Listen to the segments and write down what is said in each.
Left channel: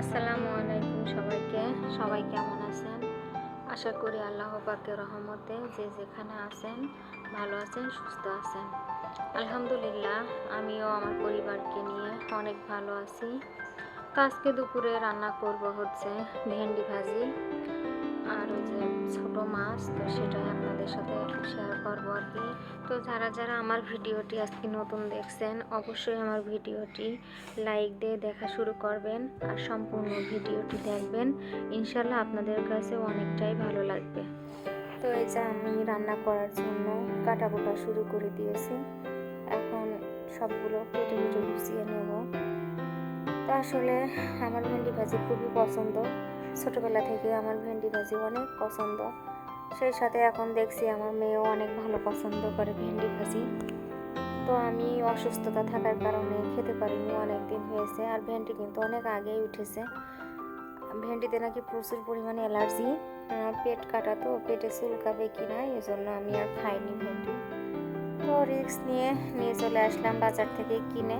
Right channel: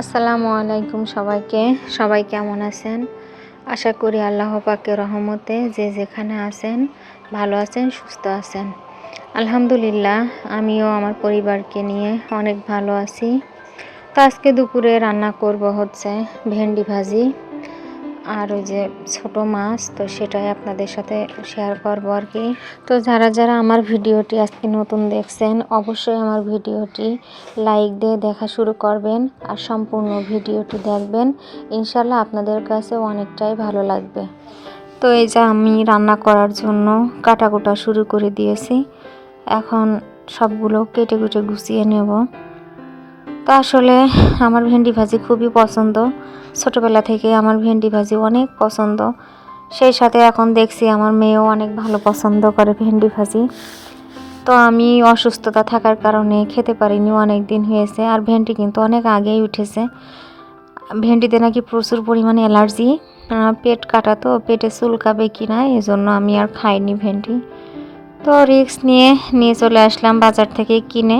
আসসালামু আলাইকুম সবাইকে। সবাই কেমন আছেন? আশা করি আল্লাহ পাকে রহমতে যে যেখানে আছেন, ভালো আছেন, সুস্থ আছেন। আলহামদুলিল্লাহ, আমিও আমার পরিবারকে নিয়ে অনেক ভালো আছি। তো আজকে দুপুরে রান্না করব হচ্ছে ভেন্ডি ভাজি। আর ওই যে ছোট মাছ, তো সেটাই আপনাদের সাথে শেয়ার করব আর কি। তো যারা যারা আমার ভিডিওটি আজকে নতুন দেখছেন, অবশ্যই আমার ভিডিওটি লাইক দিয়ে দেখা শুরু করবেন আর সম্পূর্ণ ভিডিওটি দেখবেন। ইনশাল্লাহ আপনাদের কাছে অনেকটাই ভালো লাগবে। তো এই যে আমি রান্না করার জন্য কাটাকুটা শুরু করে দিয়েছি। এখন সবগুলো কেটে কুটে গুছিয়ে নেব। তো আসলে আমার ভেন্ডি ভাজি খুবই পছন্দ। ছোটোবেলা থেকে আমার ভেন্ডি ভাজি অনেক পছন্দ। সেই সাথে এখন দেখছি আমার মেয়েও অনেক ভালো পছন্দ করে ভেন্ডি ভাজি। তো আমি অসুস্থতা থাকার কারণে খেতে পারিনি, অনেক দিন হয়েছে আর ভেন্ডি কিন্তু অনেক আগেই উঠেছে। ভেন্ডিতে নাকি প্রচুর পরিমাণে অ্যালার্জি পেট কাটা তো, পেটে চুলকাবে কি না, এজন্য আমি আর খাইনি ভেন্ডি। তো রিক্স নিয়ে নিয়ে চলে আসলাম বাজার থেকে কিনে।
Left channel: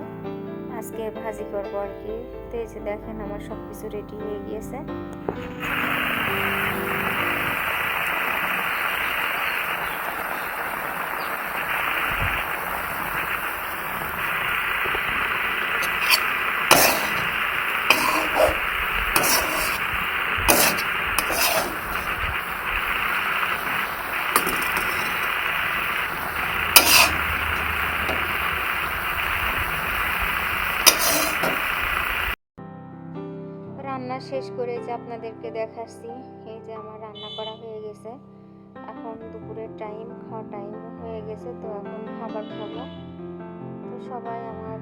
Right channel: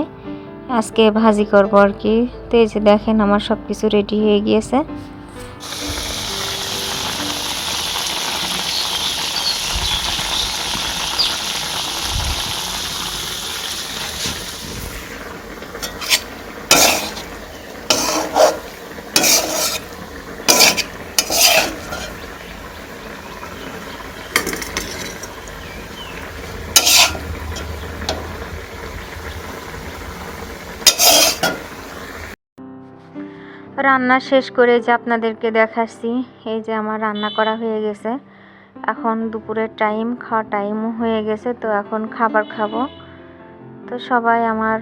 আজকে ভাজি করব আর কি। তো এই যে দেখেন আমার সব কিছু রেডি হয়ে গিয়েছে। রান্না শেষ করে যে আপনাদেরকে দেখাচ্ছি, এই যে আমার রান্না করা হয়ে গেছে। এখন দুপুরের টাইম, খাওয়া টাইমও হয়ে গেছে, তো এখন খাবার খাব। তো সবাই আমার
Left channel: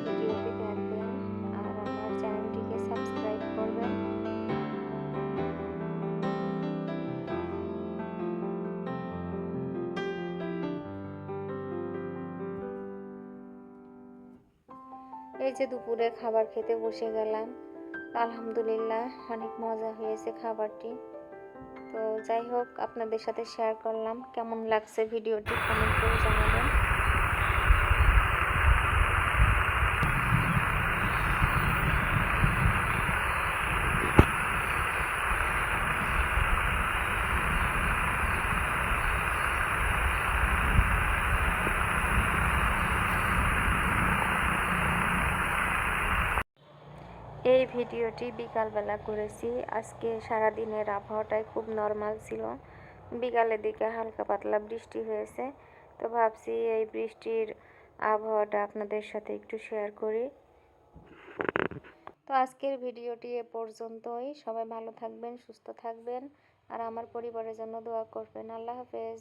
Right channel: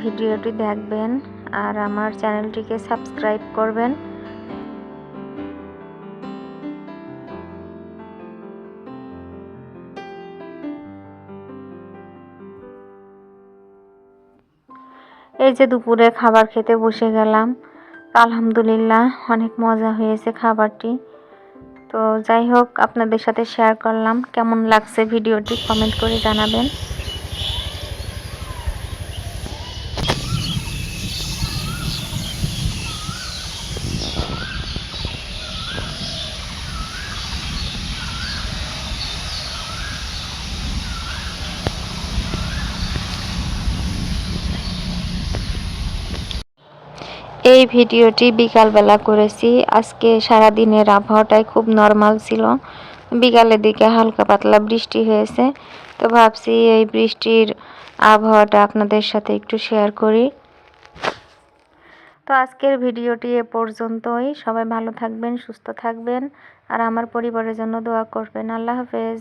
ভিডিওটি দেখবেন আর আমার চ্যানেলটিকে সাবস্ক্রাইব করবেন। এই যে দুপুরে খাবার খেতে বসে গেলাম। আলহামদুলিল্লাহ, অনেক মজা হয়েছে খাবারটি। তো যাই হোক, আপনাদের সাথে শেয়ার করলাম। কেমন লাগছে ভিডিওটি কমেন্ট করে জানাবেন। এই ভিডিওটি বিকালবেলা করেছি। আজকে সারা দিনের আবহাওয়াটাই খুব নর্মাল ছিল। বিকালের দিকে হালকা পাতলা বৃষ্টি হয়েছে। তো ভাবছি এই বৃষ্টির আবহাওয়াটা আপনাদের সাথে একটু শেয়ার করি। তো আজকের ভিডিওটি এ পর্যন্তই। সবাই ভালো থাকবেন, সুস্থ থাকবেন। আর আমার পরিবারের জন্য দোয়া করবেন। আল্লাহ হাফেজ।